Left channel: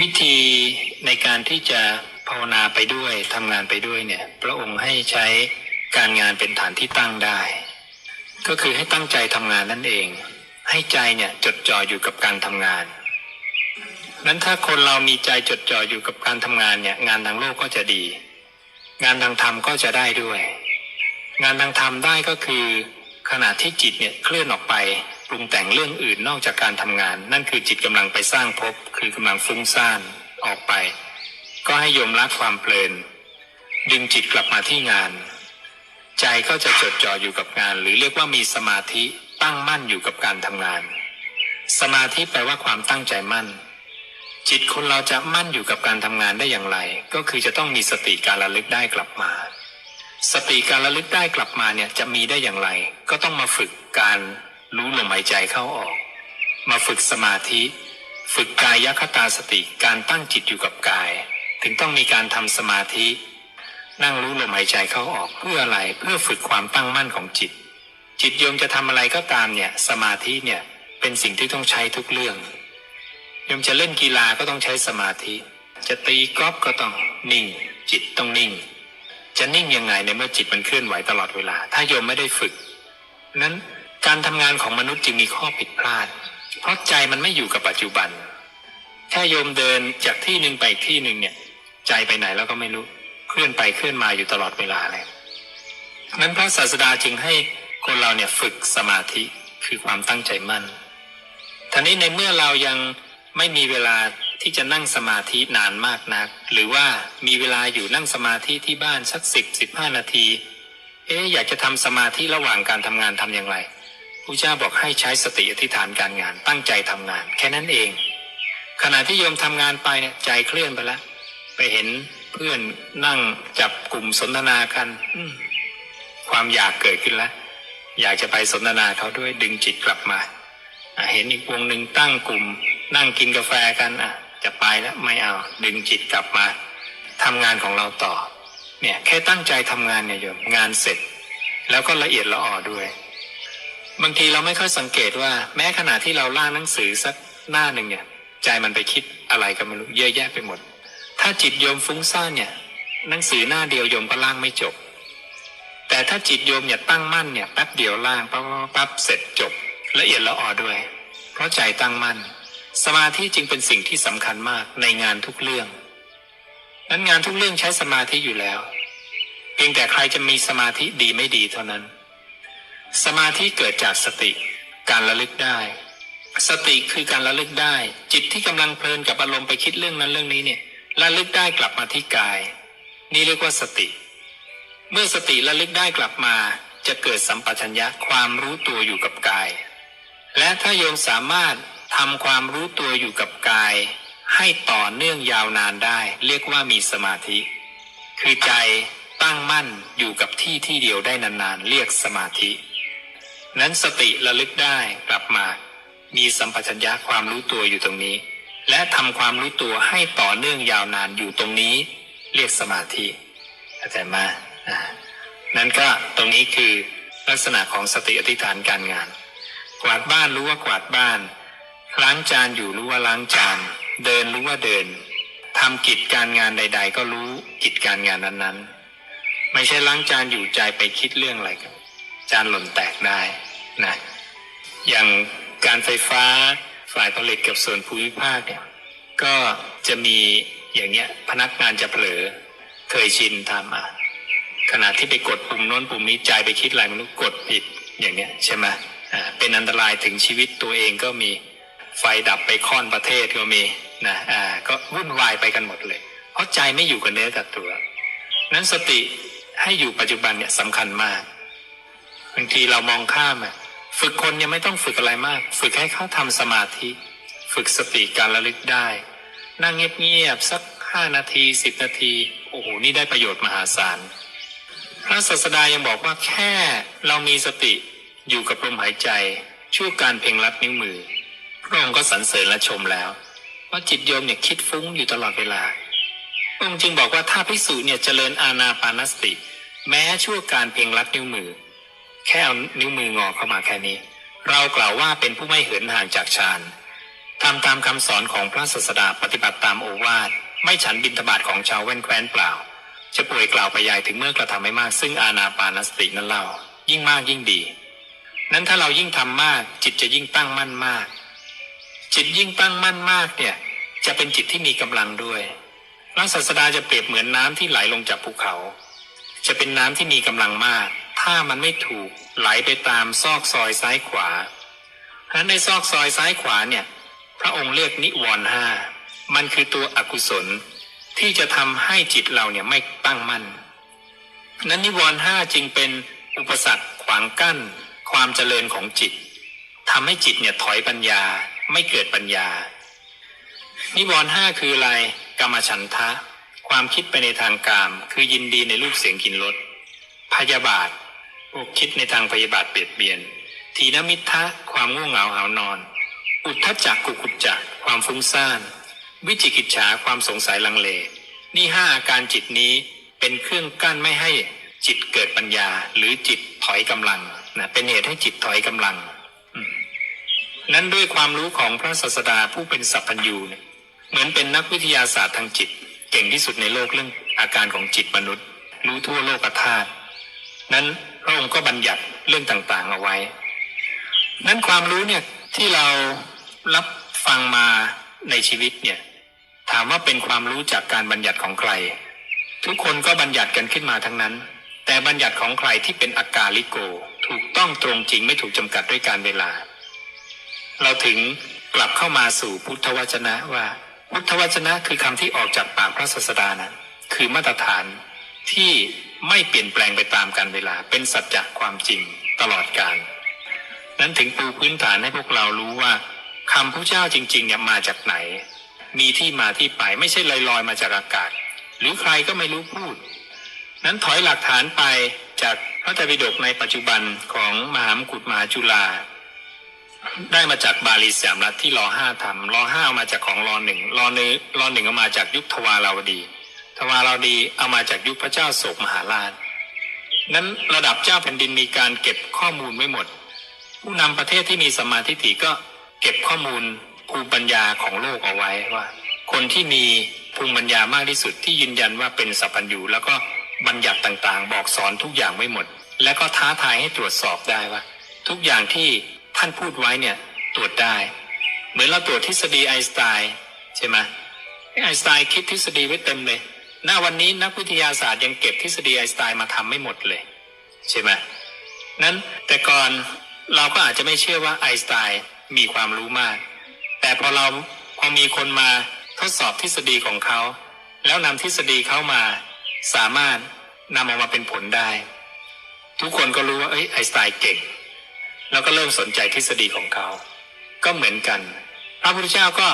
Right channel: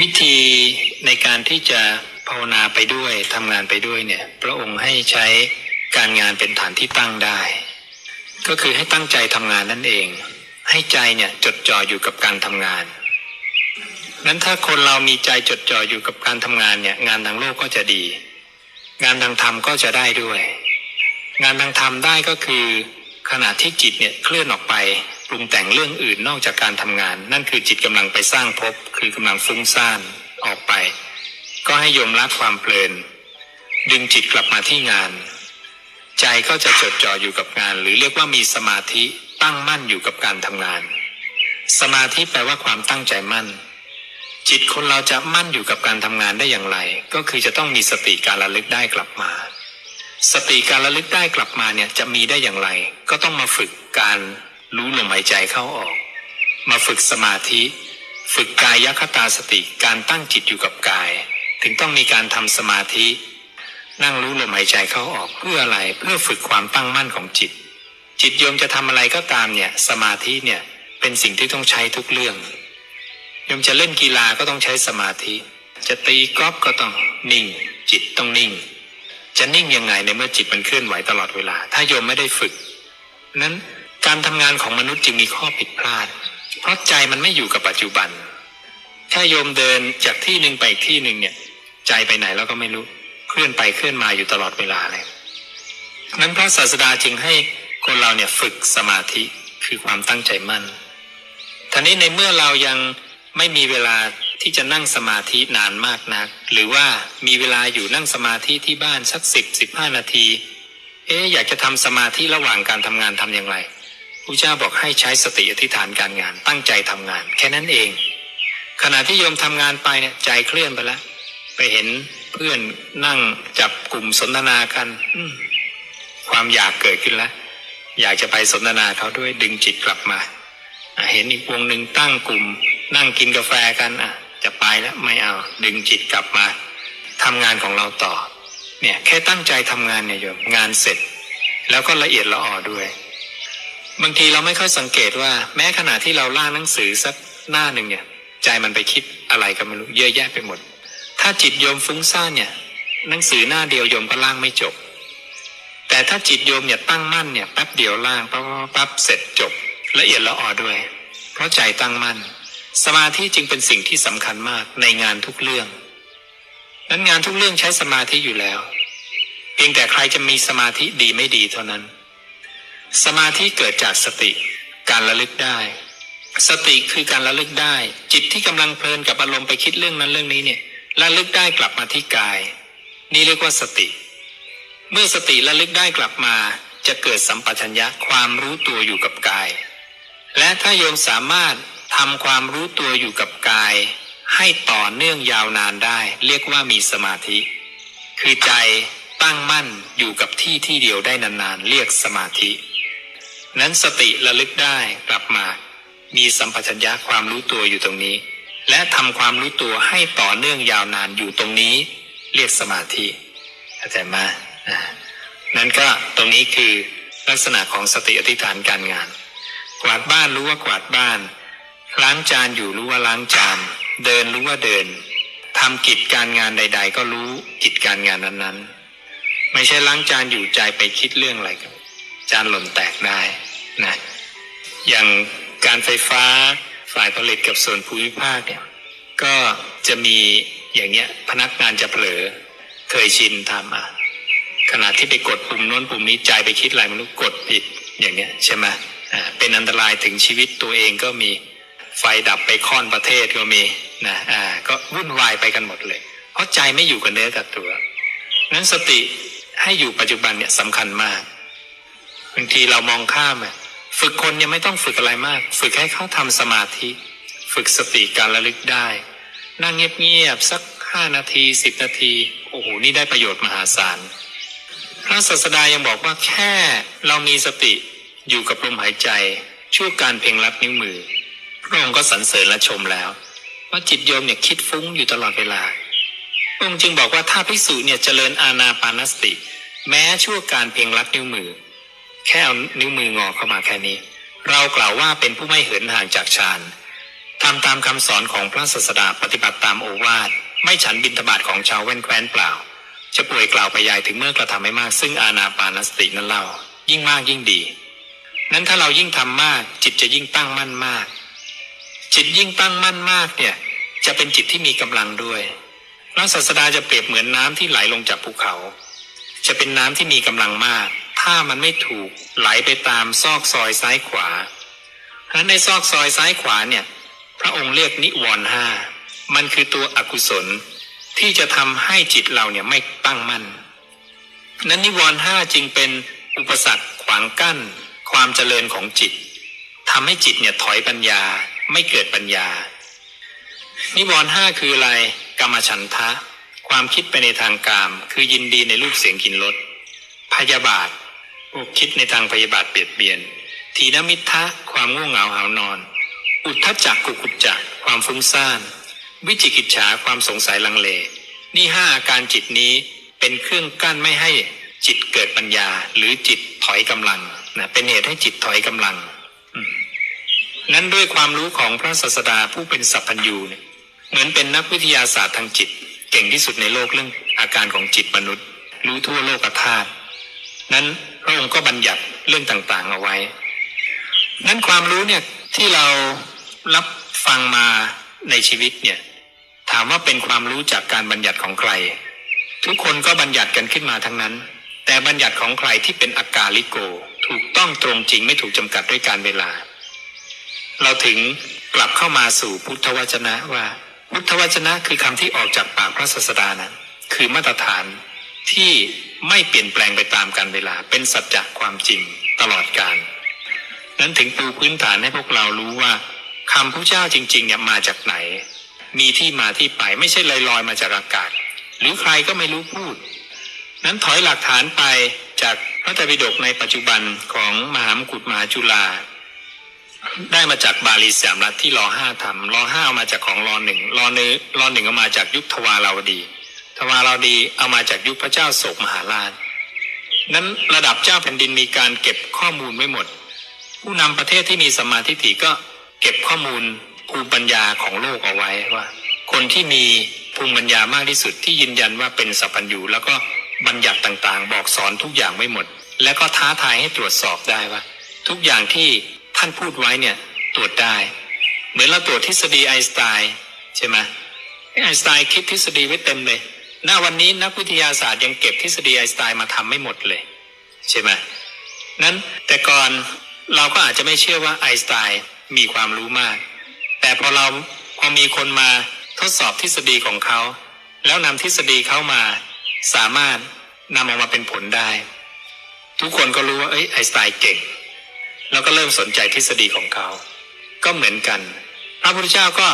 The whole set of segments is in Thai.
วิธีในการที่จะภาวนาไปด้วยทำงานไปด้วยเนี่ย พระองค์ให้ใช้การงานเป็นฐานที่ตั้งได้ ก็คือให้ตั้งใจทำงานนั่นเอง ให้ใจเนี่ยจดจ่ออยู่กับการทำงานนั้นถ้าคนเรามีใจจดจ่ออยู่กับการทำงานเนี่ย งานทางโลกก็จะดี งานทางธรรมก็จะได้ด้วย งานทางธรรมได้ก็คือขณะที่จิตเนี่ยเคลื่อนออกไป ปรุงแต่งเรื่องอื่นนอกจากการทำงาน นั่นคือจิตกำลังไปสร้างภพคือกำลังฟุ้งซ่านออกไป ก็ให้โยมละความเพลิน ดึงจิตกลับมาที่งาน ใจก็จะจดจ่ออยู่กับงาน หรือเรียกว่ามีสมาธิตั้งมั่นอยู่กับการทำงาน สมาธิแปลว่าความตั้งใจมั่น จิตคนเราจะมั่นอยู่กับการทำงานได้อย่างไร ก็คือจะต้องมีสติการระลึกได้กลับมาสติการระลึกได้กลับมาเนี่ยจะมีได้อย่างไร ก็ต้องมาฝึกการ รู้ลมหายใจเข้าออก มาฝึกสมาธิ ฝึกกายคตาสติการตั้งจิตอยู่กับกาย ถึงต้องมีการทำสมาธิ นั่งรู้ลมหายใจเข้าออกเพื่ออะไรเพื่อฝึกความตั้งมั่นของจิต จิตโยมจะทำอะไรก็ตามเนี่ยสมาธิเนี่ยเป็นสิ่งที่ต้องใช้ทุกเรื่องโยมจะเล่นกีฬาก็ต้องใช้สมาธิ จะตีกอล์ฟก็ต้องนิ่ง จิตต้องนิ่ง จะนิ่งยังไงในเมื่อจิตมันเคลื่อนไหวตลอดเวลา ถ้าโยมไม่ได้ฝึก นั้น การทำงานของมนุษย์จึงมีข้อผิดพลาด เพราะใจมันไม่อยู่กับปัจจุบัน ถ้าโยมเดินจากที่หนึ่งไปอีกที่หนึ่งเนี่ย ใจไปไหนแล้วก็ไม่รู้ เคลื่อนไปเคลื่อนมาอยู่ตลอดเวลาเลยนั้นพระศาสดาจึงให้คนเราเนี่ยฝึกสมาธิคือความตั้งใจมั่นท่านี้ในเมื่อเรายังไม่มีเวลาที่จะนั่งสมาธินานมากนัก หรือว่ามีเวลาอยู่นั่งสมาธิที่บ้านสักสิบสิบห้านาที เอ๊อยากจะทำสมาธิระหว่างการทำงานทำอย่างไร พระเจ้าบอกให้ใช้สติอธิษฐานการงาน ตั้งใจทำงาน แค่นั้นเอง ขณะที่โยมทำงานไปเนี่ยใจเคลื่อนไปแล้วไปเห็นเพื่อนนั่งจับกลุ่มสนทนากันความอยากเกิดขึ้นแล้ว อยากจะไปสนทนาเขาด้วยดึงจิตกลับมาเห็นอีกวงหนึ่งตั้งกลุ่ม นั่งกินกาแฟกันอะ จะไปแล้วไม่เอา ดึงจิตกลับมาทำงานของเราต่อ เนี่ย แค่ตั้งใจทำงานเนี่ยโยมงานเสร็จ แล้วก็ละเอียดละออด้วย บางทีเราไม่ค่อยสังเกตว่า แม้ขณะที่เราล่างหนังสือสักหน้าหนึ่งเนี่ย ใจมันไปคิดอะไรก็ไม่รู้เยอะแยะไปหมด ถ้าจิตโยมฟุ้งซ่านเนี่ย หนังสือหน้าเดียวโยมก็ล่างไม่จบ แต่ถ้าจิตโยมเนี่ยตั้งมั่นเนี่ยแป๊บเดียวล่างปั๊บปั๊บเสร็จจบ ละเอียดละออด้วย เพราะใจตั้งมั่น สมาธิจึงเป็นสิ่งที่สำคัญมากในงานทุกเรื่องนั้นงานทุกเรื่องใช้สมาธิอยู่แล้ว เพียงแต่ใครจะมีสมาธิดีไม่ดีเท่านั้น สมาธิเกิดจากสติการระลึกได้ สติคือการระลึกได้ จิตที่กำลังเพลินกับอารมณ์ไปคิดเรื่องนั้นเรื่องนี้เนี่ยระลึกได้กลับมาที่กาย นี่เรียกว่าสติ เมื่อสติระลึกได้กลับมา จะเกิดสัมปชัญญะความรู้ตัวอยู่กับกาย และถ้าโยมสามารถทำความรู้ตัวอยู่กับกาย ให้ต่อเนื่องยาวนานได้ เรียกว่ามีสมาธิ คือใจตั้งมั่นอยู่กับที่ที่เดียวได้นานๆ เรียกสมาธิ นั้นสติระลึกได้กลับมา มีสัมปชัญญะความรู้ตัวอยู่ตรงนี้ และทำความรู้ตัวให้ต่อเนื่องยาวนานอยู่ตรงนี้ เรียกสมาธิเข้าใจมอ่านั้นก็ตรงนี้คือลักษณะของสติอธิษฐานการงาน กวาดบ้านรู้ว่ากวาดบ้าน ล้างจานอยู่รู้ว่าล้างจาน เดินรู้ว่าเดินทำกิจการงานใด ๆ ก็รู้กิจการงานนั้นๆ ไม่ใช่ล้างจานอยู่ใจไปคิดเรื่องอะไรกันจานหล่นแตกได้ นะอย่างการไฟฟ้าฝ่ายผลิตกับส่วนภูมิภาคเนี่ยก็จะมีอย่างเนี้ยพนักงานจะเผลอเคยชินทำอะขณะที่ไปกดปุ่มโน้นปุ่มนี้ใจไปคิดอะไรม่รู้กดผิดอย่างเนี้ยใช่ไหมอ่าเป็นอันตรายถึงชีวิตตัวเองก็มีไฟดับไปค่อนประเทศก็มีนะอ่าก็วุ่นวายไปกันหมดเลย เพราะใจไม่อยู่กับเนื้อกับตัวนั้นสติให้อยู่ปัจจุบันเนี่ยสำคัญมากบางทีเรามองข้ามอะ ฝึกคนยังไม่ต้องฝึกอะไรมาก ฝึกให้เขาทำสมาธิ ฝึกสติการระลึกได้ นั่งเงียบๆสักห้านาทีสิบนาที โอ้โห นี่ได้ประโยชน์มหาศาล พระศาสดายังบอกว่าแค่เรามีสติอยู่กับลมหายใจ ช่วการเพ่งลัดนิ้วมือ พระองค์ก็สรรเสริญและชมแล้ว ว่าจิตโยมเนี่ยคิดฟุ้งอยู่ตลอดเวลาพระองค์จึงบอกว่าถ้าภิกษุเนี่ยเจริญอาณาปานสติ แม้ชั่วการเพ่งลัดนิ้วมือ แค่เอานิ้วมืองอเข้ามาแค่นี้ เรากล่าวว่าเป็นผู้ไม่เหินห่างจากฌานทำตามคำสอนของพระศาสดาปฏิบัติตามโอวาทไม่ฉันบิณฑบาตของชาวแว่นแคว้นเปล่า จะป่วยกล่าวไปยายถึงเมื่อกระทำให้มาก ซึ่งอาณาปานสตินั้นเล่า ยิ่งมากยิ่งดี นั้นถ้าเรายิ่งทำมาก จิตจะยิ่งตั้งมั่นมาก จิตยิ่งตั้งมั่นมากเนี่ย จะเป็นจิตที่มีกำลังด้วยพระศาสดาจะเปรียบเหมือนน้ำที่ไหลลงจากภูเขา จะเป็นน้ำที่มีกำลังมาก ถ้ามันไม่ถูกไหลไปตามซอกซอยซ้ายขวา เพราะฉะนั้นในซอกซอยซ้ายขวาเนี่ย พระองค์เรียกนิวรณ์ห้ามันคือตัวอกุศลที่จะทำให้จิตเราเนี่ยไม่ตั้งมั่นนั้นนิวรณ์ห้าจึงเป็นอุปสรรคขวางกั้น ความเจริญของจิตทำให้จิตเนี่ยถอยปัญญาไม่เกิดปัญญา นิวรณ์ห้าคืออะไรกรรมฉันทะ ความคิดไปในทางกาม คือยินดีในรูปเสียงกลินรสพยาบาท วกคิดในทางพยาบาทเบียดเบียน ทีนมิทะความง่วงเหงาหานอน อุทธจักกุกุจจักความฟุ้งซ่าน วิจิกิจฉาความสงสัยลังเล นี่ห้าอาการจิตนี้เป็นเครื่องกั้นไม่ให้จิตเกิดปัญญาหรือจิตถอยกำลังนะเป็นเหตุให้จิตถอยกำลัง นั้นด้วยความรู้ของพระศาสดาผู้เป็นสัพพัญญูเนี่ยเหมือนเป็นนักวิทยาศาสตร์ทางจิต เก่งที่สุดในโลกเรื่องอาการของจิตมนุษย์ รู้ทั่วโลกธาตุนั้น พระองค์ก็บัญญัติเรื่องต่างๆเอาไว้ นั้นความรู้เนี่ยที่เรารับฟังมาในชีวิตเนี่ยถามว่าเป็นความรู้จากการบัญญัติของใคร ทุกคนก็บัญญัติกันขึ้นมาทั้งนั้น แต่บัญญัติของใครที่เป็นอากาลิโก ถูกต้องตรงจริงไม่ถูกจำกัดด้วยการเวลา เราถึงกลับเข้ามาสู่พุทธวจนะว่าพุทธวจนะคือคำที่ออกจากปากพระศาสดานั้นคือมาตรฐานที่ ไม่เปลี่ยนแปลงไปตามการเวลาเป็นสัจจะความจริงตลอดกาลนั้นถึงปูพื้นฐานให้พวกเรารู้ว่าคำพระเจ้าจริงๆเนี่ยมาจากไหน มีที่มาที่ไปไม่ใช่ลอยๆมาจากอากาศ หรือใครก็ไม่รู้พูด นั้นถอยหลักฐานไปจากพระไตรปิฎกในปัจจุบันของมหามกุฏมหาจุฬาได้มาจากบาลีสามรัฐที่รอห้าทำรอห้ามาจากของรอหนึ่งรอเนื้อรอหนึ่งเอามาจากยุคทวาราวดี ทวาราดีเอามาจากยุคพระเจ้าโศกมหาราช นั้นระดับเจ้าแผ่นดินมีการเก็บข้อมูลไว้หมด ผู้นำประเทศที่มีสมาธิฏฐิก็เก็บข้อมูลภูมิปัญญาของโลกเอาไว้ว่า คนที่มีภูมิปัญญามากที่สุดที่ยืนยันว่าเป็นสัพพัญญูแล้วก็บัญญัติต่างๆ บอกสอนทุกอย่างไว้หมด แล้วก็ท้าทายให้ตรวจสอบได้ว่า ทุกอย่างที่ท่านพูดไว้เนี่ยตรวจได้ เหมือนเราตรวจทฤษฎีไอน์สไตน์ใช่ไหมไอน์สไตน์คิดทฤษฎีไว้เต็มเลย ณวันนี้นักวิทยาศาสตร์ยังเก็บทฤษฎีไอน์สไตน์มาทำไม่หมดเลย ใช่ไหมนั้นแต่ก่อนเราก็อาจจะไม่เชื่อว่าไอน์สไตน์มีความรู้มาก แต่พอเราพอมีคนมาทดสอบทฤษฎีของเขา แล้วนำทฤษฎีเขามา สามารถนำออกมาเป็นผลได้ ทุกคนก็รู้ว่าเอ้ยไอน์สไตน์เก่ง แล้วก็เริ่มสนใจทฤษฎีของเขา ก็เหมือนกัน พระพุทธเจ้าก็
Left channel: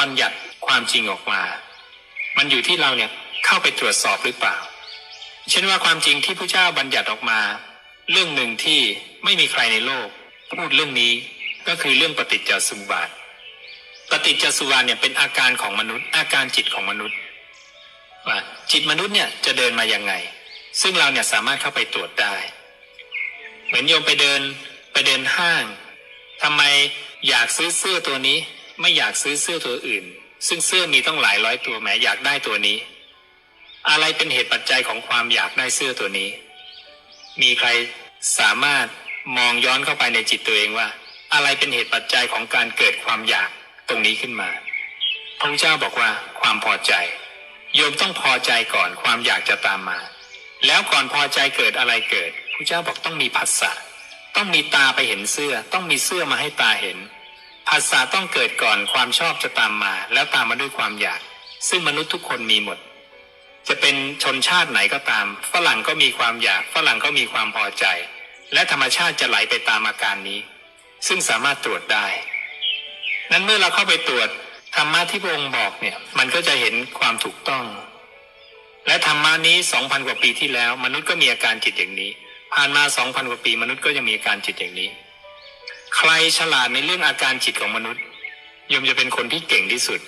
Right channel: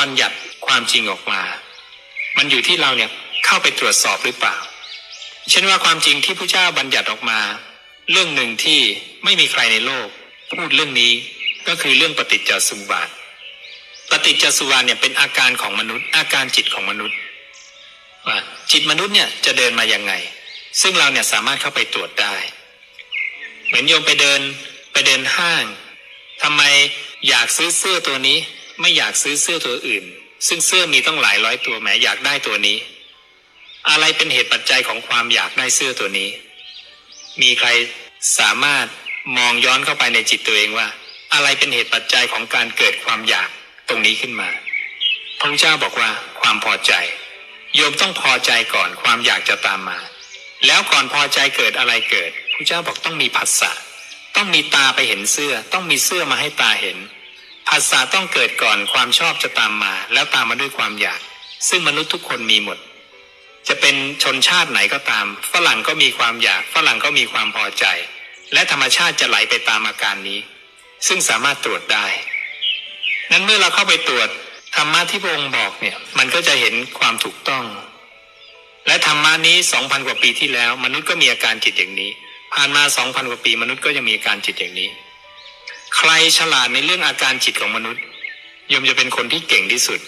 บัญญัติความจริงออกมา มันอยู่ที่เราเนี่ย เข้าไปตรวจสอบหรือเปล่า เช่นว่าความจริงที่พระเจ้าบัญญัติออกมา เรื่องหนึ่งที่ไม่มีใครในโลก พูดเรื่องนี้ก็คือเรื่องปฏิจจสมุปบาท ปฏิจจสมุปบาทเนี่ยเป็นอาการของมนุษย์ อาการจิตของมนุษย์ว่าจิตมนุษย์เนี่ยจะเดินมายังไง ซึ่งเราเนี่ยสามารถเข้าไปตรวจได้ เหมือนโยมไปเดินไปเดินห้างทำไมอยากซื้อเสื้อตัวนี้ ไม่อยากซื้อเสื้อตัวอื่น ซึ่งเสื้อมีต้องหลายร้อยตัวแหมอยากได้ตัวนี้ อะไรเป็นเหตุปัจจัยของความอยากได้เสื้อตัวนี้ มีใครสามารถมองย้อนเข้าไปในจิตตัวเองว่า อะไรเป็นเหตุปัจจัยของการเกิดความอยากตรงนี้ขึ้นมา พระเจ้าบอกว่าความพอใจ โยมต้องพอใจก่อนความอยากจะตามมา แล้วก่อนพอใจเกิดอะไรเกิดพระเจ้าบอกต้องมีผัสสะต้องมีตาไปเห็นเสื้อ ต้องมีเสื้อมาให้ตาเห็นผัสสะต้องเกิดก่อนความชอบจะตามมา แล้วตามมาด้วยความอยาก ซึ่งมนุษย์ทุกคนมีหมด จะเป็นชนชาติไหนก็ตาม ฝรั่งก็มีความอยาก ฝรั่งก็มีความพอใจ และธรรมชาติจะไหลไปตามอาการนี้ ซึ่งสามารถตรวจได้ นั้นเมื่อเราเข้าไปตรวจธรรมะที่พระองค์บอกเนี่ย มันก็จะเห็นความถูกต้อง และธรรมะนี้สองพันกว่าปีที่แล้ว มนุษย์ก็มีอาการจิตอย่างนี้ ผ่านมาสองพันกว่าปี มนุษย์ก็ยังมีอาการจิตอย่างนี้ ใครฉลาดในเรื่องอาการจิตของมนุษย์ยมจะเป็นคนที่เก่งที่สุด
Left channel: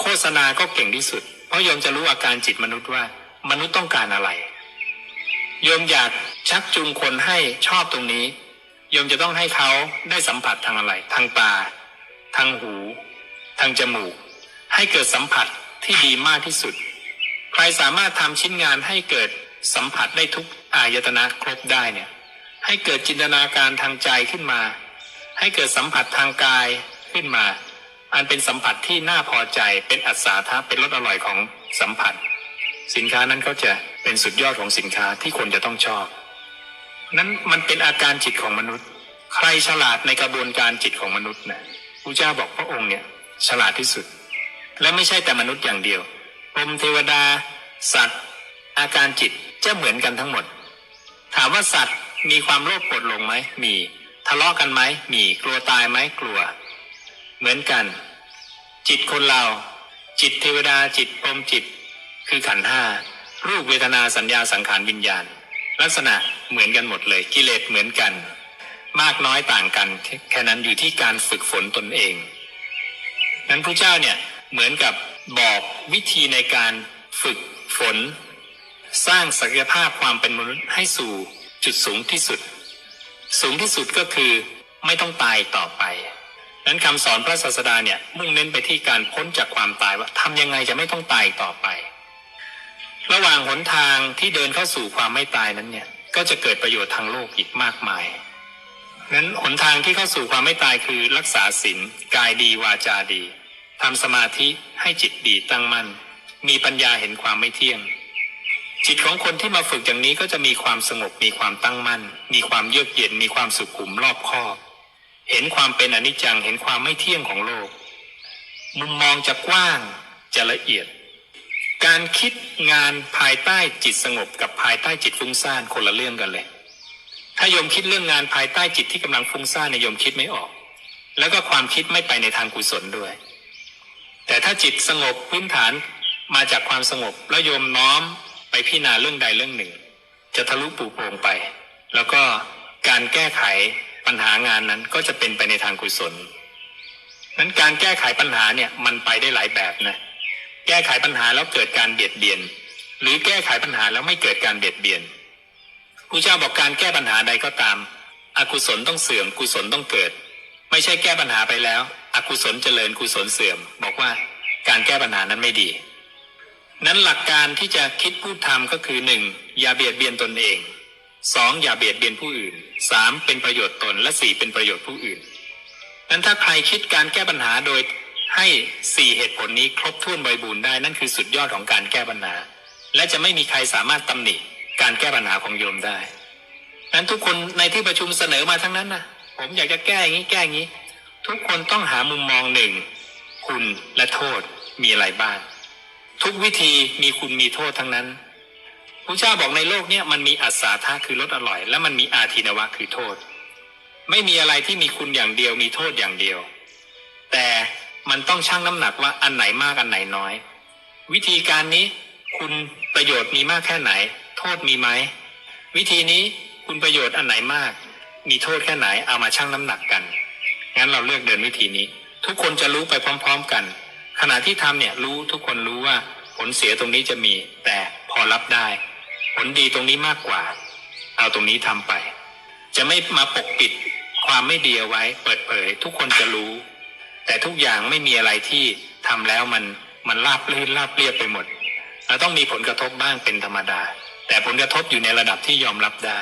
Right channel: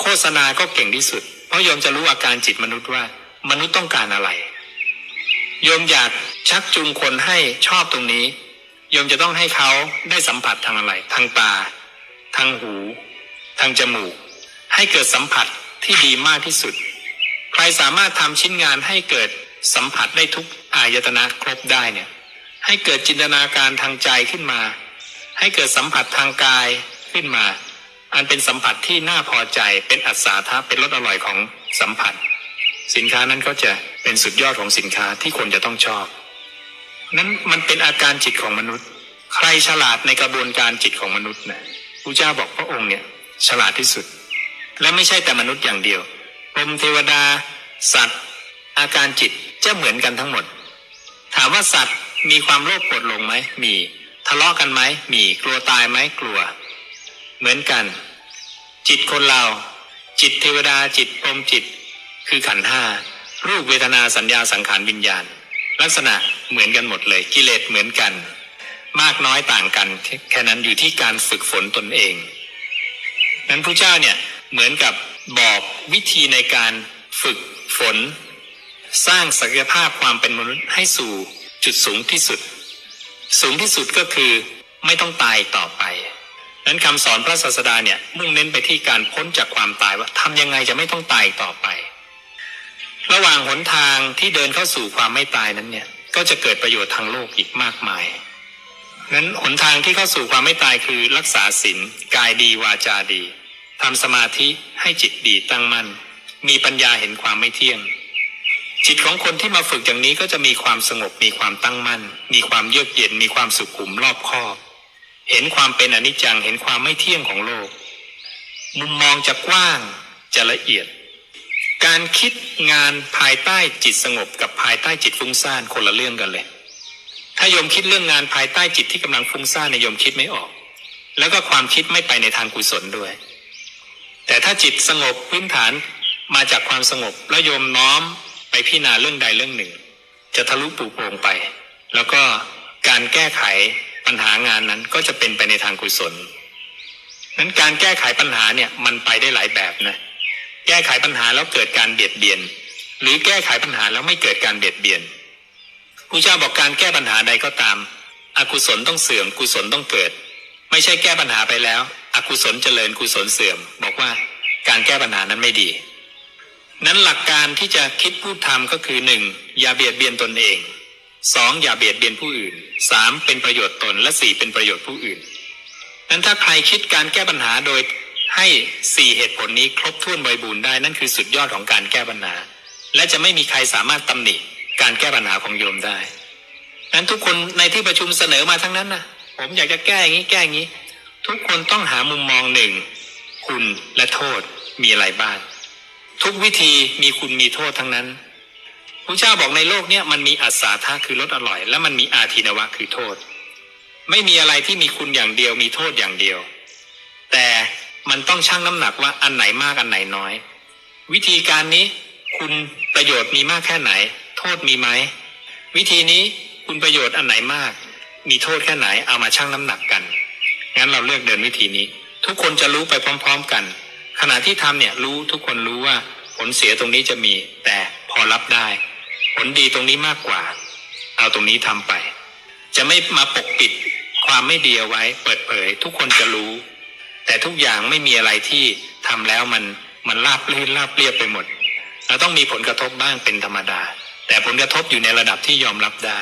โฆษณาก็เก่งที่สุด ราะโยมจะรู้อาการจิตมนุษย์ว่า มนุษย์ต้องการอะไร โยมอยากชักจูงคนให้ชอบตรงนี้ โยมจะต้องให้เขาได้สัมผัสทางอะไร ทางตา ทางหู ทางจมูก ให้เกิดสัมผัสที่ดีมากที่สุด ใครสามารถทำชิ้นงานให้เกิดสัมผัสได้ทุกอายตนะครบได้เนี่ย ให้เกิดจินตนาการทางใจขึ้นมา ให้เกิดสัมผัสทางกายขึ้นมา อันเป็นสัมผัสที่น่าพอใจเป็นอัศทะเป็นรสอร่อยของสัมผัส สินค้านั้นก็จะเป็นสุดยอดของสินค้าที่คนจะต้องชอบ นั้นมันเป็นอาการจิตของมนุษย์ ใครฉลาดในกระบวนการจิตของมนุษย์นะพระเจ้าบอกพระองค์เนี่ยฉลาดที่สุด และไม่ใช่แต่มนุษย์อย่างเดียวพรหมเทวดา สัตว์ อาการจิตจะเหมือนกันทั้งหมด ถามว่าสัตว์มีความโลภโกรธหลงไหมมีทะเลาะกันไหมมีกลัวตายไหมกลัว เหมือนกัน จิตคนเรา จิตเทวดาจิตพรมจิต คือขันธ์ห้ารูปเวทนาสัญญาสังขารวิญญาณ ลักษณะเหมือนกันหมดเลยกิเลสเหมือนกัน มากน้อยต่างกัน แค่นั้นอยู่ที่การฝึกฝนตนเอง นั้นพระเจ้าเนี่ยเหมือนกับบอกวิธีในการฝึกฝน สร้างศักยภาพความเป็นมนุษย์ให้สู่จุดสูงที่สุด สูงที่สุดก็คือไม่ต้องตายต่อไป นั้นคำสอนพระศาสดาเนี่ยมุ่งเน้นไปที่การพ้นจากความตายว่าทำยังไงจะไม่ต้องตายต่อไป ระหว่างหนทางที่เดินเข้าสู่ความไม่ตายนั้นเนี่ยก็จะเกิดประโยชน์ทางโลกอีกมากมายนั้นหนทางที่เข้าสู่ความไม่ตายคือรักษาศีลกายดีวาจาดีทำสมาธิให้จิตดีตั้งมั่น มีปัญญาเห็นความไม่เที่ยง จิตของคนที่มาฝึกอย่างนี้ก็จะมีความสงบมีความตั้งมั่น มีความเยือกเย็นมีความสุขุมรอบคอบ เห็นความเป็นอนิจจัง เห็นความไม่เที่ยงของโลก มุมมองจะกว้างจะละเอียด การคิดงานภายใต้จิตสงบ กับภายใต้จิตฟุ้งซ่านคนละเรื่องกันเลย ถ้าโยมคิดเรื่องงานภายใต้จิตที่กำลังฟุ้งซ่านในโยมคิดไม่ออก แล้วก็ความคิดไม่ไปในทางกุศลด้วย แต่ถ้าจิตสงบพื้นฐานมาจากความสงบแล้วโยมน้อมไปพิจารณาเรื่องใดเรื่องหนึ่ง จะทะลุปูโปร่งไป แล้วก็การแก้ไข ปัญหางานนั้นก็จะเป็นไปในทางกุศลนั้นการแก้ไขปัญหาเนี่ยมันไปได้หลายแบบนะแก้ไขปัญหาแล้วเกิดการเบียดเบียน หรือแก้ไขปัญหาแล้วไม่เกิดการเบียดเบียนครูเจ้าบอกการแก้ปัญหาใดก็ตาม อกุศลต้องเสื่อมกุศลต้องเกิด ไม่ใช่แก้ปัญหาไปแล้ว อกุศลเจริญกุศลเสื่อม บอกว่าการแก้ปัญหานั้นไม่ดี นั้นหลักการที่จะคิดพูดทำก็คือหนึ่งอย่าเบียดเบียนตนเอง สองอย่าเบียดเบียนผู้อื่นสามเป็นประโยชน์ตนและสี่เป็นประโยชน์ผู้อื่นนั้นถ้าใครคิดการแก้ปัญหาโดยให้สี่เหตุผลนี้ครบถ้วนบริบูรณ์ได้นั่นคือสุดยอดของการแก้ปัญหา และจะไม่มีใครสามารถตำหนิการแก้ปัญหาของโยมได้นั้นทุกคนในที่ประชุมเสนอมาทั้งนั้นนะผมอยากจะแก้อย่างนี้แก้อย่างนี้ ทุกคนต้องหามุมมองหนึ่งคุณและโทษมีอะไรบ้างทุกวิธีมีคุณมีโทษทั้งนั้น พระเจ้าบอกในโลกเนี้ยมันมีอัศาธาคือรสอร่อย และมันมีอาทินวะคือโทษ ไม่มีอะไรที่มีคุณอย่างเดียวมีโทษอย่างเดียว แต่มันต้องชั่งน้ำหนักว่าอันไหนมากอันไหนน้อย วิธีการนี้คุณประโยชน์มีมากแค่ไหน โทษมีไหมวิธีนี้คุณประโยชน์อันไหนมาก มีโทษแค่ไหนเอามาชั่งน้ำหนักกันงั้นเราเลือกเดินวิธีนี้ ทุกคนจะรู้ไปพร้อม ๆกัน ขณะที่ทำเนี่ยรู้ทุกคนรู้ว่าผลเสียตรงนี้จะมีแต่พอรับได้ ผลดีตรงนี้มากกว่า เอาตรงนี้ทำไป จะไม่มาปกปิดความไม่ดีเอาไว้ เปิดเผย ทุกคนจะรู้ แต่ทุกอย่างไม่มีอะไรที่ทำแล้วมันมันราบลื่นราบเรียบไปหมดเราต้องมีผลกระทบบ้างเป็นธรรมดา แต่ผลกระทบอยู่ในระดับที่ยอมรับได้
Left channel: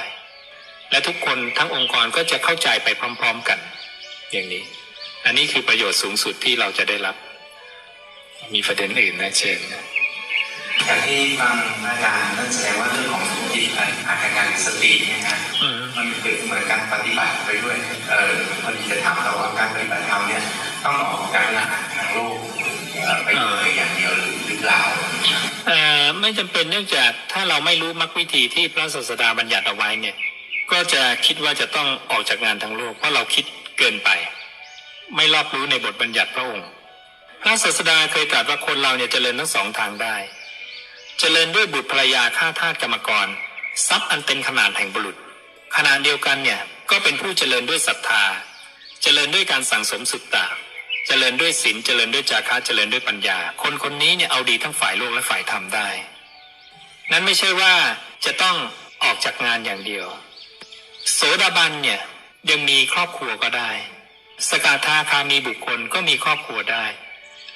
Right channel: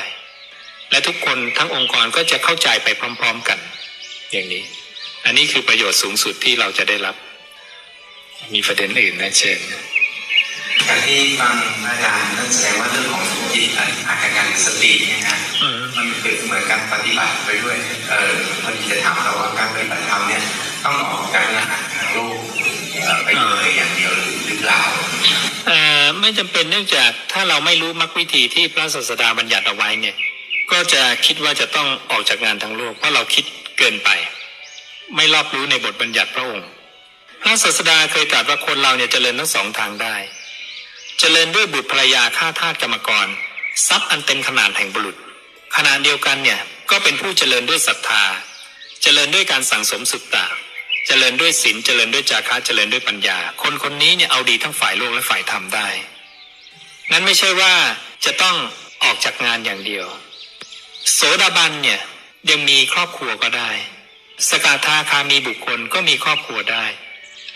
และทุกคนทั้งองค์กรก็จะเข้าใจไปพร้อม ๆกัน อย่างนี้ อันนี้คือประโยชน์สูงสุดที่เราจะได้รับ มีประเด็นอื่นนะเชิญ จากที่ฟังอาจารย์นั่นแสดงว่าเรื่องของจิตอาการการสติเนี่ยนะมมันเป็นเหมือนการปฏิบัติไปด้วยเออพอดีจะถามเราว่าการปฏิบัติธรรมเนี่ยต้องออกจากงานทางโลกเอ่อไปเลยอย่างเดียวหรือหรือเปล่าเออไม่จำเป็นเนื่องจากถ้าเราไม่รู้มรรควิธีที่พระศาสดาบัญญัติเอาไว้เนี่ย ก็จะคิดว่าจะต้องออกจากงานทางโลก เพราะเราคิดเกินไป ไม่รอบรู้ในบทบัญญัติพระองค์พระศาสดาเคยตรัสว่าคนเราเนี่ยเจริญทั้งสองทางได้ เจริญด้วยบุตรภรรยาฆ่าทาสกรรมกร ทรัพย์อันเต็มขนาดแห่งบุรุษขณะเดียวกันเนี่ยก็เป็นผู้เจริญด้วยศรัทธา เจริญด้วยการสั่งสมสุตตะ เจริญด้วยศีลเจริญด้วยจาคะเจริญด้วยปัญญา คนคนนี้เนี่ยเอาดีทั้งฝ่ายโลกและฝ่ายธรรมได้ นั้นไม่ใช่ว่าจะต้องออกจากงานอย่างเดียว โสดาบันเนี่ยยังมีครอบครัวก็ได้ สกทาคามีบุคคลก็มีครอบครัวได้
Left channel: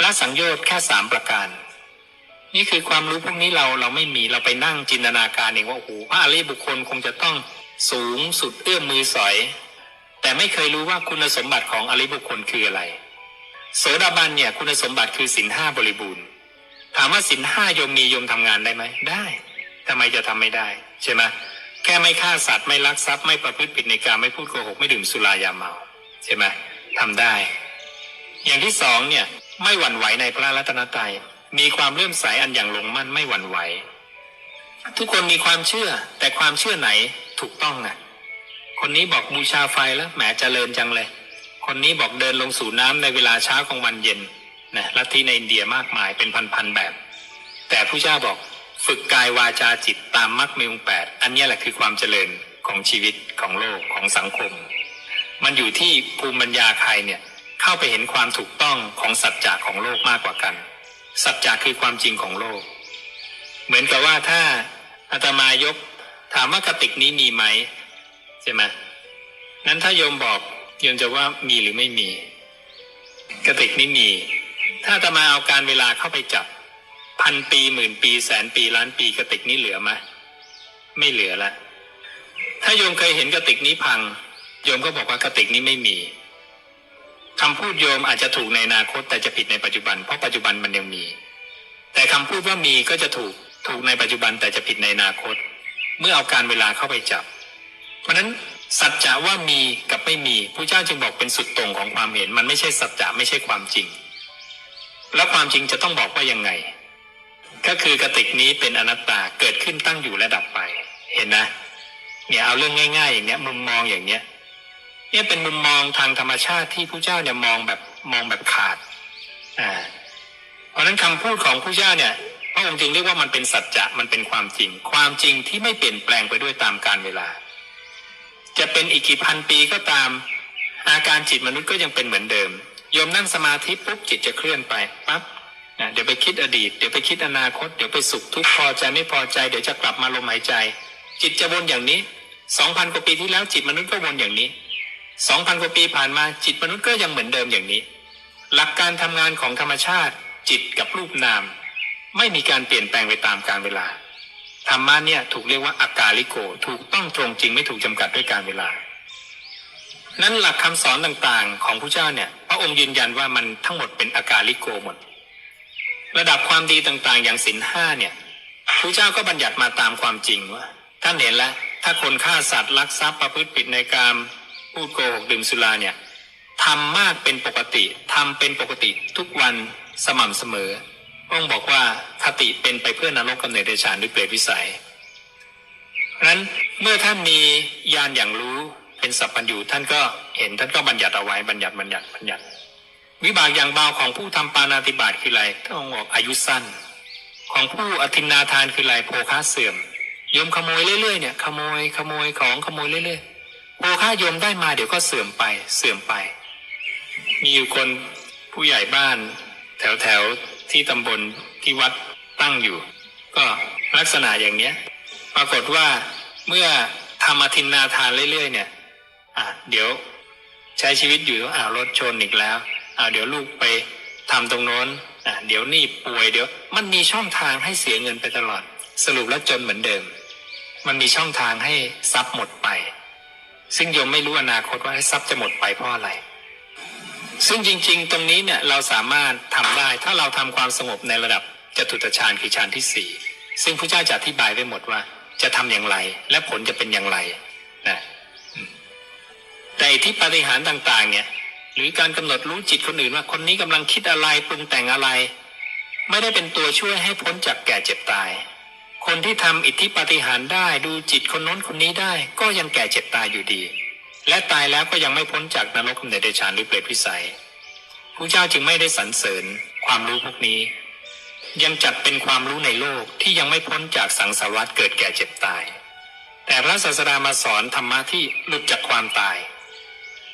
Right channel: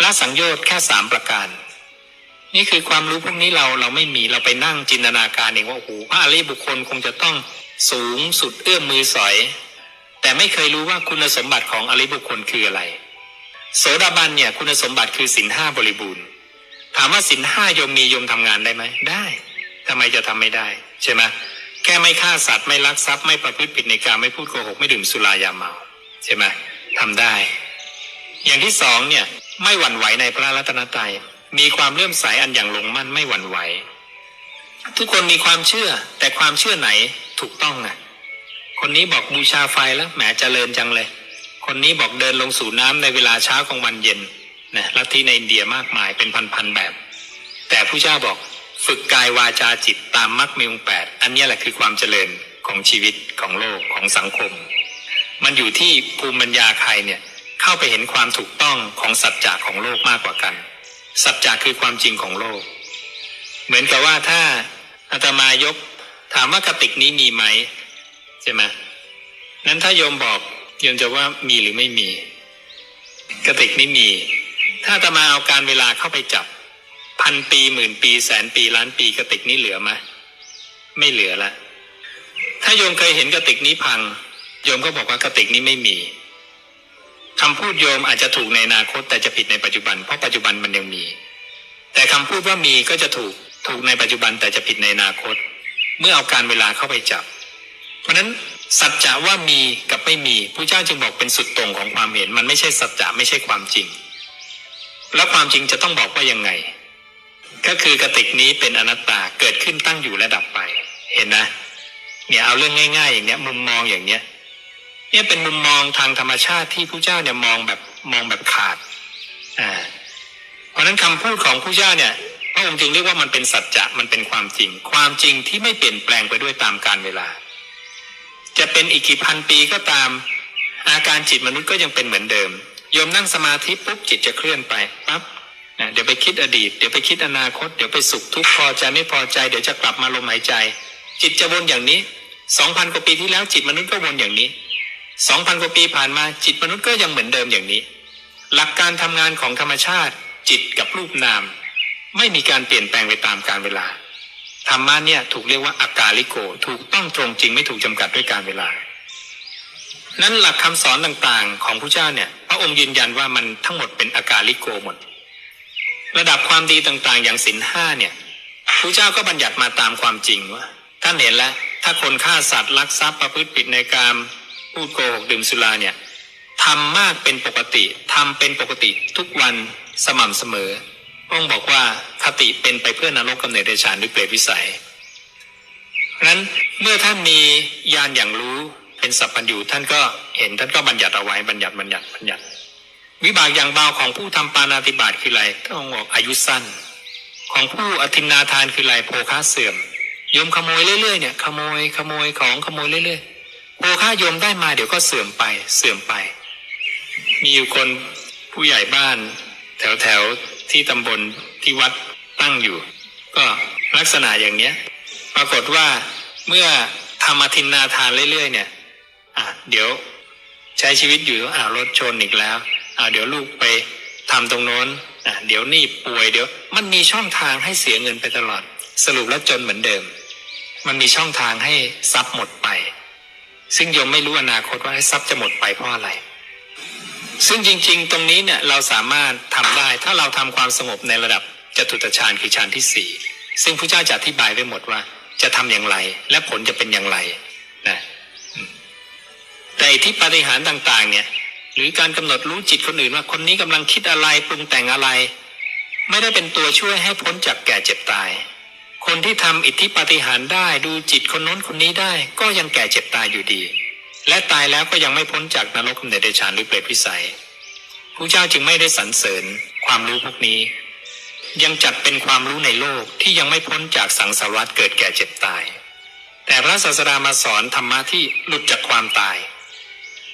ละสังโยชน์แค่สามประการ นี่คือความรู้พวกนี้เราเราไม่มีเราไปนั่งจินตนาการเองว่าโอ้โหพระอริยบุคคลคงจะต้องสูงสุดเอื้อมมือสอย แต่ไม่เคยรู้ว่าคุณสมบัติของอริยบุคคลคืออะไร โสดาบันเนี่ยคุณสมบัติคือสินห้าบริบูรณ์ ถามว่าสินห้ายมมียมทำงานได้ไหมได้ทำไมจะทำไม่ได้ ใช่ไหมแค่ไม่ฆ่าสัตว์ไม่ลักทรัพย์ไม่ประพฤติผิดในการไม่พูดโกหกไม่ดื่มสุรายาเมาใช่ไหมทำได้ อย่างที่สองเนี่ยไม่หวั่นไหวในพระรัตนตรัย มีความเลื่อมใสอันอย่างลงมั่นไม่หวั่นไหว ทุกคนมีความเชื่อ แต่ความเชื่อไหนถูกต้องอะคนนี้บอกบูชาไฟแล้วแหมเจริญจังเลย คนนี้บอกเดินลงสู่น้ำในเวลาเช้ากลางวันเย็นนะลัทธิในอินเดียมากมายเป็นพันๆแบบ แต่ผู้เจ้าบอกฝึกกายวาจาจิตตามมรรคมีองแปดอันนี้แหละคือความเจริญของชีวิตของโลกของสังคม มันอยู่ที่ภูมิปัญญาใครเนี่ยเข้าไปเห็นความถูกต้องของสัจจะของโลกมากกว่ากัน สัจจะคือความจริงของโลก เหมือนกับว่าถ้าอาตมายก ถามว่ากระติกนี้มีไหมใช่ไหมนั้นถ้าโยมบอกโยมจะว่ามีหรือไม่มีกระติกนี้มี ถ้าอาตมาเอาการเวลาเข้าไปจับ พันปีหมื่นปีแสนปีล้านปีกระติกนี้เหลือไหมไม่เหลือละถ้าโยมเคยเห็นกระติกนี้พัง โยมก็บอกว่ากระติกนี้ไม่มี คำพูดโยมอาจจะถูกในอนาคตแต่จะผิดในปัจจุบัน เพราะปัจจุบันมันยังมี แต่คำพูดว่ามีก็จะถูกถูกในปัจจุบันแต่จะผิดในอนาคต เมื่อเอาการเวลาเข้าไปจับ เพราะฉะนั้นสัจจะว่ามีกับไม่มีพระเจ้าจึงบอกเป็นสุดตรงของความเห็นมันไม่ใช่สัจจะไม่ใช่ความจริง แล้วความจริงจะต้องบอกว่ายังไง ก็คือกติกนี้เป็นอนัตตาเกิดขึ้นตั้งอยู่และดับไป เห็นนะ เนี่ยเอาเรื่องง่าย ๆ อย่างเนี้ยมุมมองอย่างเนี้ย เนี่ยเป็นมุมมองทางธรรมชาติที่ผู้เจ้าเนี่ยมองแบบมองแบบขาดอ่าเพราะฉะนั้นคำพูดของผู้เจ้าเนี่ยพระองค์จึงเรียกว่ามันเป็นสัจจะมันเป็นความจริง ความจริงที่ไม่เปลี่ยนแปลงไปด้วยตามกาลเวลา จะเป็นอีกกี่พันปีก็ตาม อาการจิตมนุษย์ก็ยังเป็นเหมือนเดิมโยมนั่งสมาธิปุ๊บจิตจะเคลื่อนไปปั๊บนะเดี๋ยวไปคิดอดีตเดี๋ยวไปคิดอนาคต เดี๋ยวไปสุขทุกข์พอใจไม่พอใจเดี๋ยวจะกลับมาลมหายใจ จิตจะวนอย่างนี้สองพันกว่าปีที่แล้วจิตมนุษย์ก็วนอย่างนี้ สองพันกว่าปีผ่านมาจิตมนุษย์ก็ยังเหมือนเดิมอย่างนี้ หลักการทำงานของธรรมชาติ จิตกับรูปนาม ไม่มีการเปลี่ยนแปลงไปตามกาลเวลาธรรมะเนี่ยถูกเรียกว่าอากาลิโก ถูกต้องตรงจริงไม่ถูกจำกัดด้วยการเวลา นั้นหลักคำสอนต่างๆ ของพระเจ้าเนี่ยพระองค์ยืนยันว่ามันทั้งหมดเป็นอากาลิโกหมด ระดับความดีต่างๆ อย่างศีลห้าเนี่ยพระเจ้าก็บัญญัติมาตามความจริงว่าท่านเห็นแล้วถ้าคนฆ่าสัตว์ลักทรัพย์ประพฤติผิดในกาม พูดโกหกดื่มสุราเนี่ยทำมากเป็นปกติทำเป็นปกติทุกวันสม่ำเสมอพระองค์บอกว่าคติเป็นไปเพื่อนรกกำเนิดเดชานหรือเปรตวิสัยเพราะนั้นเมื่อท่านมีญาณอย่างรู้เป็นสัพพัญญูท่านก็เห็นท่านก็บัญญัติเอาไว้บัญญัติบัญญัติบัญญัติ วิบากอย่างเบาของผู้ทำปานาติบาตคืออะไรท่านองค์บอกอายุสั้น ของผู้อธินนาทานคืออะไรโภคาเสื่อมโยมขโมยเรื่อยๆเนี่ยขโมยขโมยของขโมยเรื่อยๆ โภคาโยมได้มาเดี๋ยวก็เสื่อมไปเสื่อมไป มีอยู่คนผู้ใหญ่บ้าน แถวแถวที่ตำบลที่วัดตั้งอยู่ ก็ลักษณะอย่างเนี้ย ปรากฏว่าเมื่อทำอธินนาทานเรื่อยๆ เนี่ยอะเดี๋ยวใช้ชีวิตอยู่อ้ารถชนอีกแล้วอ่าเดี๋ยวลูกไปทำตรงโน้นอะเดี๋ยวนี่ป่วยเดี๋ยว มันมีช่องทางให้เสียเงินไปตลอด สรุปแล้วจนเหมือนเดิม มันมีช่องทางให้ทรัพย์หมดไป ซึ่งโยมไม่รู้อนาคตว่าทรัพย์จะหมดไปเพราะอะไร ซึ่งจริง ๆ ตรงนี้เนี่ยเราสามารถทำได้ถ้าเราทำความสงบในระดับจตุตฌานคือฌานที่สี่ซึ่งพระเจ้าจะอธิบายไว้หมดว่าจะทำอย่างไร และผลจะเป็นอย่างไรนะแต่อ้ที่ปฏิหารต่าง ๆ เนี่ย หรือการกำหนดรู้จิตคนอื่นว่าคนนี้กำลังคิดอะไรปรุงแต่งอะไร ไม่ได้เป็นตัวช่วยให้พ้นจากแก่เจ็บตาย คนที่ทำอิทธิปฏิหารได้ดูจิตคนน้นคนนี้ได้ ก็ยังแก่เจ็บตายอยู่ดี และตายแล้วก็ยังไม่พ้นจากนรกกำเนิดเดชานหรือเปรตวิสัยพระเจ้าจึงไม่ได้สรรเสริญความรู้พวกนี้ ยังจัดเป็นความรู้ในโลกที่ยังไม่พ้นจากสังสารวัฏเกิดแก่เจ็บตาย แต่พระศาสดามาสอนธรรมะที่หลุดจากความตาย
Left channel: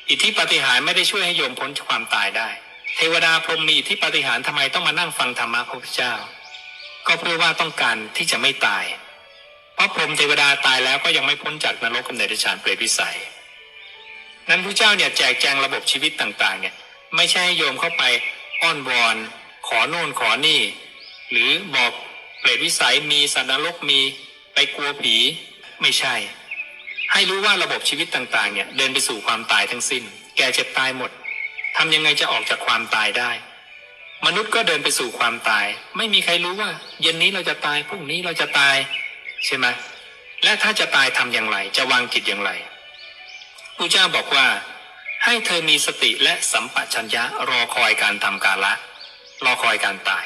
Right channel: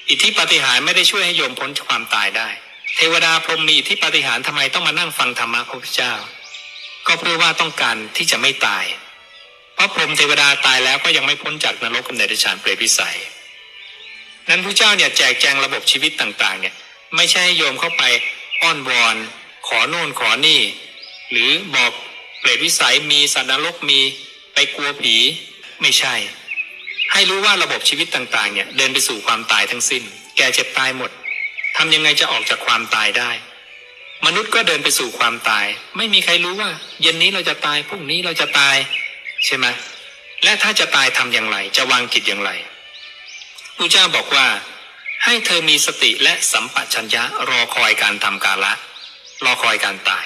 อิทธิปฏิหารไม่ได้ช่วยให้โยมพ้นจากความตายได้ เทวดาพรหมมีอิทธิปฏิหาริย์ทำไมต้องมานั่งฟังธรรมะพระพุทธเจ้า ก็เพื่อว่าต้องการที่จะไม่ตาย เพราะพรหมเทวดาตายแล้วก็ยังไม่พ้นจากนรกกำเนิดเดชานเปรตวิสัย นั้นพระเจ้าเนี่ยแจกแจงระบบชีวิตต่างๆ เนี่ย ไม่ใช่ให้โยมเข้าไปอ้อนวอนขอโน่นขอนี่ หรือบอกเปรตวิสัยมีสัตว์นรกมีไปกลัวผีไม่ใช่ ให้รู้ว่าระบบชีวิตต่างๆ เนี่ยเดินไปสู่ความตายทั้งสิ้น แก่เจ็บตายหมดทำยังไงจะออกจากความตายได้ มนุษย์ก็เดินไปสู่ความตาย ไม่มีใครรู้ว่า เย็นนี้เราจะตายพรุ่งนี้เราจะตาย ใช่ไหมและถ้าจะตายทำอย่างไร จะวางจิตอย่างไรพระเจ้าบอกว่า ให้เธอมีสติและสัมปชัญญะรอคอยการทำกาละ รอคอยการตาย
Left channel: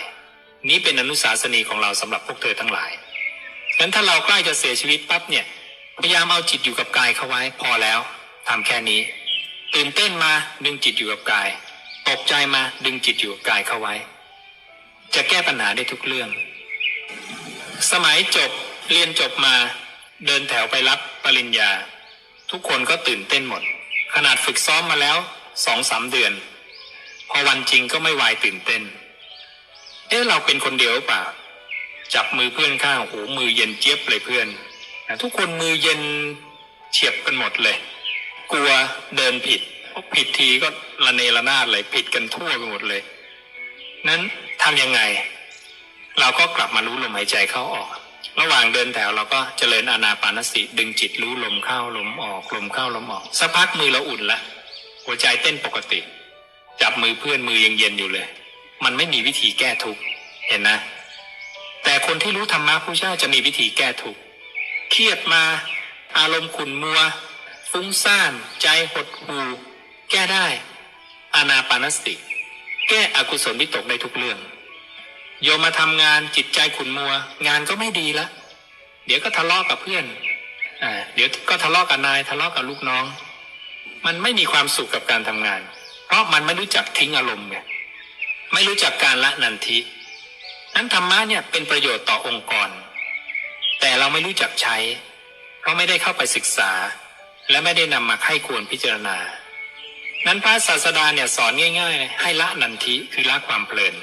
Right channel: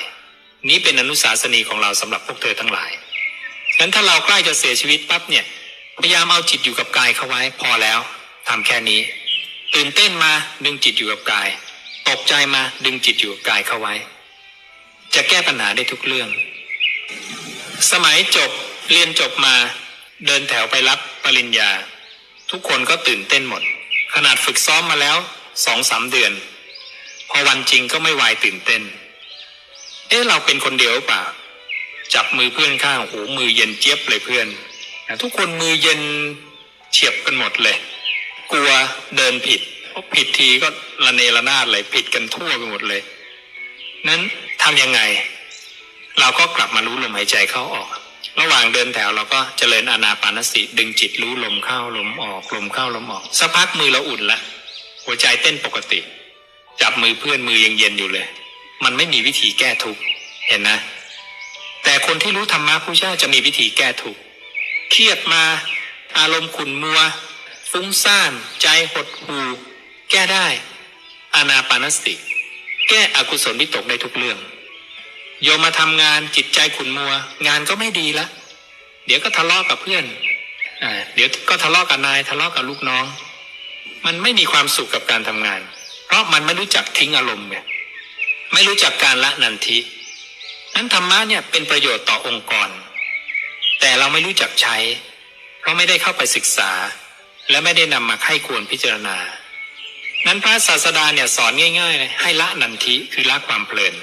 นี้เป็นอนุสาสนีของเราสำหรับพวกเธอทั้งหลายงั้นถ้าเราใกล้จะเสียชีวิตปั๊บเนี่ยพยายามเอาจิตอยู่กับกายเข้าไว้พอแล้วทำแค่นี้ตื่นเต้นมาดึงจิตอยู่กับกาย ตกใจมาดึงจิตอยู่กายเข้าไว้ จะแก้ปัญหาได้ทุกเรื่อง สมัยจบเรียนจบมาเดินแถวไปรับปริญญา ทุกคนก็ตื่นเต้นหมด ขนาดฝึกซ้อมมาแล้วสองสามเดือน พอวันจริงก็ไม่วายตื่นเต้น เอ๊ะเราเป็นคนเดียวเปล่าจับมือเพื่อนข้างโอ้โหมือเย็นเจี๊ยบเลยเพื่อนทุกคนมือเย็นเฉียบกันหมดเลย กลัวเดินผิด พราะผิดทีก็ระเนระนาดเลยผิดกันทั่วไปหมดเลย นั้นทำยังไง เราก็กลับมารู้ลมหายใจเข้าออก ระหว่างเดินแถวเราก็เจริญอานาปานสติดึงจิตรู้ลมเข้าลมออกลมเข้าลมออกสักพักมือเราอุ่นละหัวใจเต้นปกติ จับมือเพื่อนมือยังเย็นอยู่เลย มันไม่มีวิธีแก้ทุกข์เห็นนะ แต่คนที่รู้ธรรมะผู้เจ้าจะมีวิธีแก้ทุกข์เครียดมา อารมณ์ขุ่นมัว ฟุ้งซ่าน ใจหดหู่ แก้ได้อานาปานสติ แก้อกุศลวิตกได้ทุกเรื่อง โยมมาทำงานจิตใจขุนมัว งานก็ไม่ดีละ เดี๋ยวก็ทะเลาะกับเพื่อนอ่าเดี๋ยวก็ทะเลาะกับนายทะเลาะกับลูกน้อง มันไม่มีความสุขกับการทำงาน เพราะมันไม่รู้จักทิ้งอารมณ์ไงไม่รู้จักการละนันทินั้นธรรมะเนี่ยเป็นประโยชน์ต่อองค์กร แต่เราไม่รู้จักใช้ เพราะไม่ได้เข้าไปศึกษา และไม่ได้นำมาไข้ควรพิจารณา นั้นพระศาสดาเนี่ยสอนง่ายๆเลยให้ละนันทิคือละความเพลิน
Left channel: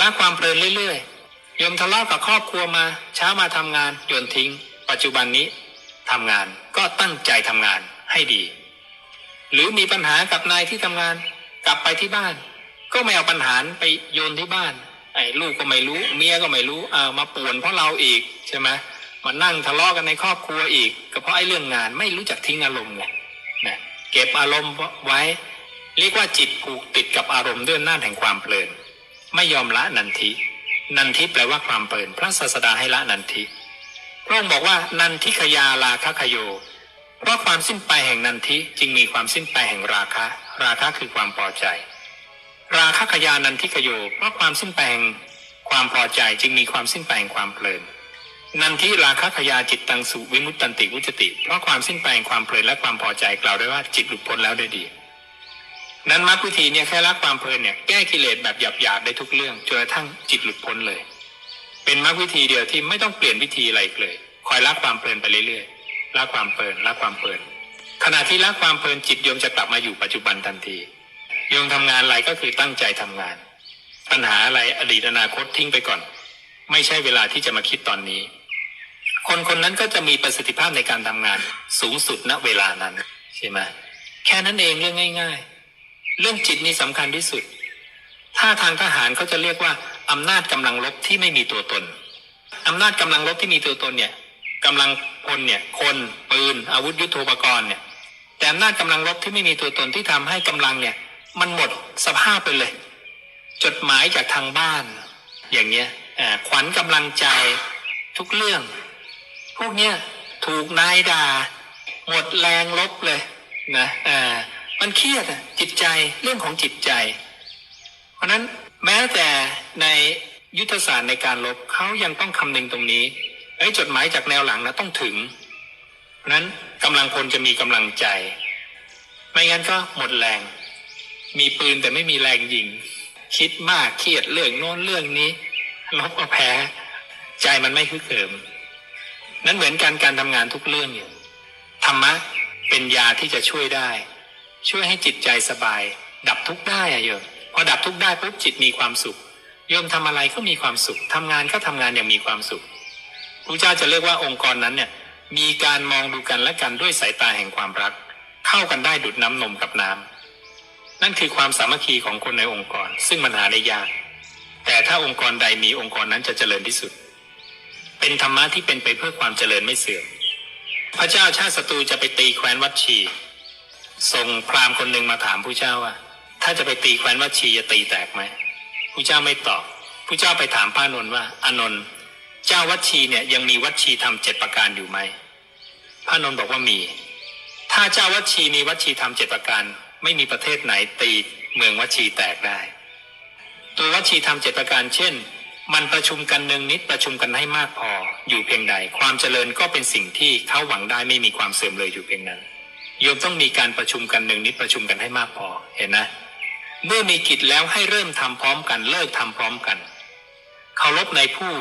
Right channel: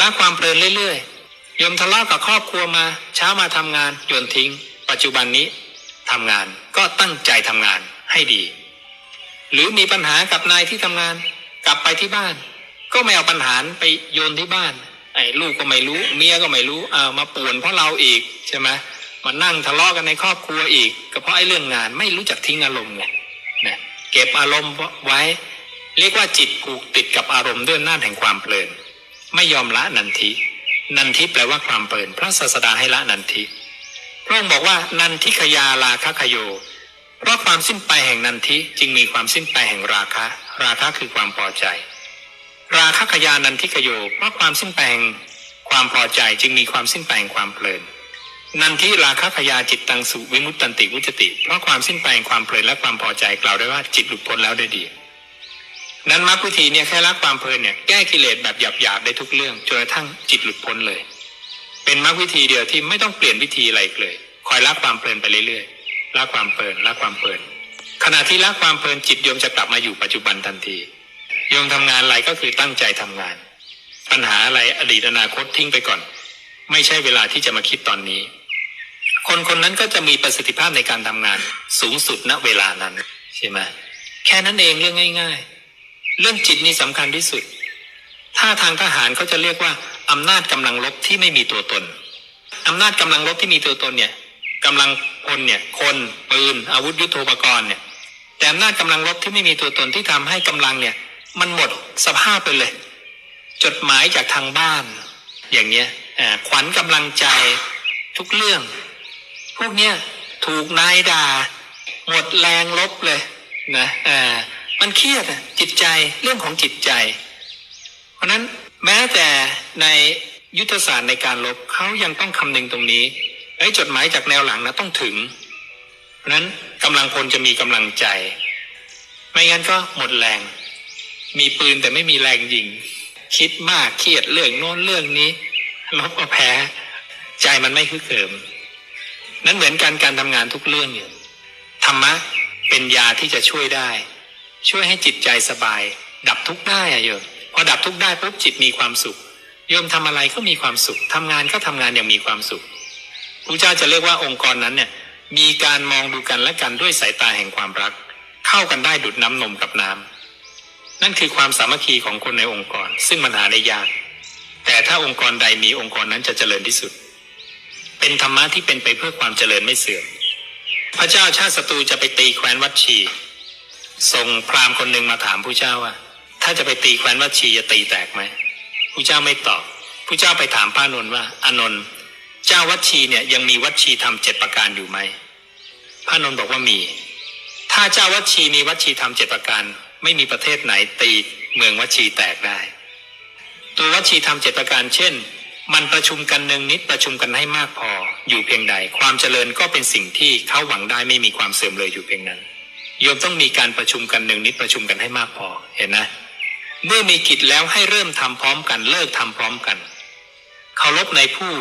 ละความเพลินเรื่อยๆโยมทะเลาะกับครอบครัวมา เช้ามาทำงานโยนทิ้ง ปัจจุบันนี้ทำงานก็ตั้งใจทำงานให้ดี หรือมีปัญหากับนายที่ทำงาน กลับไปที่บ้าน ก็ไม่เอาปัญหาไปโยนที่บ้านไอ้ลูกก็ไม่รู้เมียก็ไม่รู้เอามาป่วนเพราะเราอีกใช่ไหมมานั่งทะเลาะกันในครอบครัวอีก ก็เพราะไอ้เรื่องงานไม่รู้จักทิ้งอารมณ์ไง เก็บอารมณ์ไว้ เรียกว่าจิตผูกติดกับอารมณ์ด้วยหน้าแห่งความเพลิน ไม่ยอมละนันทินันทิแปลว่าความเพลิน พระศาสดาให้ละนันทิพระองค์บอกว่านันทิขยาลาคะขโย เพราะความสิ้นไปแห่งนันทิจึงมีความสิ้นไปแห่งราคะ ราคะคือความพอใจ ราคะขยานันทิขโย เพราะความสิ้นไปแห่งความพอใจจึงมีความสิ้นไปแห่งความเพลิน นันทิราคะขยาจิตตังสุวิมุตตันติวุจติ เพราะความสิ้นไปแห่งความเพลินและความพอใจกล่าวได้ว่าจิตหลุดพ้นแล้วได้ดี นั้นมรรควิธีเนี่ยแค่ละความเพลินเนี่ยแก้กิเลสแบบหยาบๆได้ทุกเรื่องจนกระทั่งจิตหลุดพ้นเลย เป็นมรรควิธีเดียวที่ไม่ต้องเปลี่ยนวิธีอะไรอีกเลย คอยละความเพลินไปเรื่อยๆละความเพลินละความเพลิน ขณะที่ละความเพลินจิตโยมจะกลับมาอยู่ปัจจุบันทันทีโยมทำงานอะไรก็คือตั้งใจทำงาน ปัญหาอะไรอดีตอนาคตทิ้งไปก่อน ไม่ใช่เวลาที่จะมาคิดตอนนี้ คนคนนั้นก็จะมีประสิทธิภาพในการทำงาน สูงสุดณเวลานั้นใช่ไหมแค่นั้นเองเรื่องง่าย ๆ เรื่องจิตนี่สำคัญที่สุด ถ้าทางทหารเขาจะเรียกว่าอำนาจกำลังลบที่ไม่มีตัวตนอำนาจกำลังลบที่มีตัวตนเนี่ยกำลังพลเนี่ยคนปืนอาวุธยุโทโธปกรณ์เนี่ยแต่อำนาจกำลังลบที่ไม่มีตัวตนที่ทำให้กำลังเนี่ย มันหมดสภาพไปเลย จดหมายจากทางบ้าน อย่างเนี้ยขวัญกำลังใจทุกเรื่อง พวกเนี้ยถูกนายด่า หมดแรงลบเลยนะอ่ามันเครียดจิตใจเรื่องของจิตใจ เพราะนั้นแม้แต่ในยุทธศาสตร์ในการลบเขายังต้องคำนึงตรงนี้ไอ้จดหมายจากแนวหลังนะต้องถึง เพราะฉะนั้นกำลังพลจะมีกำลังใจ ไม่งั้นก็หมดแรง มีปืนแต่ไม่มีแรงยิง คิดมากเครียดเรื่องโน้นเรื่องนี้ลบก็แพ้ ใจมันไม่คึกเขิม นั้นเหมือนกันการทำงานทุกเรื่องเนี่ยธรรมะเป็นยาที่จะช่วยได้ ช่วยให้จิตใจสบาย ดับทุกข์ได้อะโยมพอดับทุกข์ได้ปุ๊บจิตมีความสุขโยมทำอะไรก็มีความสุขทำงานก็ทำงานอย่างมีความสุขพระเจ้าจะเรียกว่าองค์กรนั้นเนี่ยมีการมองดูกันและกันด้วยสายตาแห่งความรัก เข้ากันได้ดุดน้ำนมกับน้ำนั่นคือความสามัคคีของคนในองค์กร ซึ่งมันหาได้ยาก แต่ถ้าองค์กรใดมีองค์กรนั้นจะเจริญที่สุด เป็นธรรมะที่เป็นไปเพื่อความเจริญไม่เสื่อม พระเจ้าชาติศัตรูจะไปตีแคว้นวัดชี ส่งพราหมณ์คนหนึ่งมาถามผู้เจ้าว่า ถ้าจะไปตีแคว้นวัดชีจะตีแตกไหมผู้เจ้าไม่ตอบผู้เจ้าไปถามพระอานนท์ว่าอานนท์เจ้าวัดชีเนี่ยยังมีวัดชีทำเจ็ดประการอยู่ไหมพระอานนท์บอกว่ามี ถ้าเจ้าวัดชีมีวัดชีทำเจ็ดประการ ไม่มีประเทศไหนตีเมืองวัดชีแตกได้ ตัววัดชีทำเจ็ดประการเช่น มันประชุมกันหนึ่งนิดประชุมกันให้มากพออยู่เพียงใด ความเจริญก็เป็นสิ่งที่เขาหวังได้ไม่มีความเสื่อมเลยอยู่เพียงนั้นโยมต้องมีการประชุมกันหนึ่งนิดประชุมกันให้มากพอเห็นนะ เมื่อมีกิจแล้วให้เริ่มทำพร้อมกันเลิกทำพร้อมกันเคารพในผู้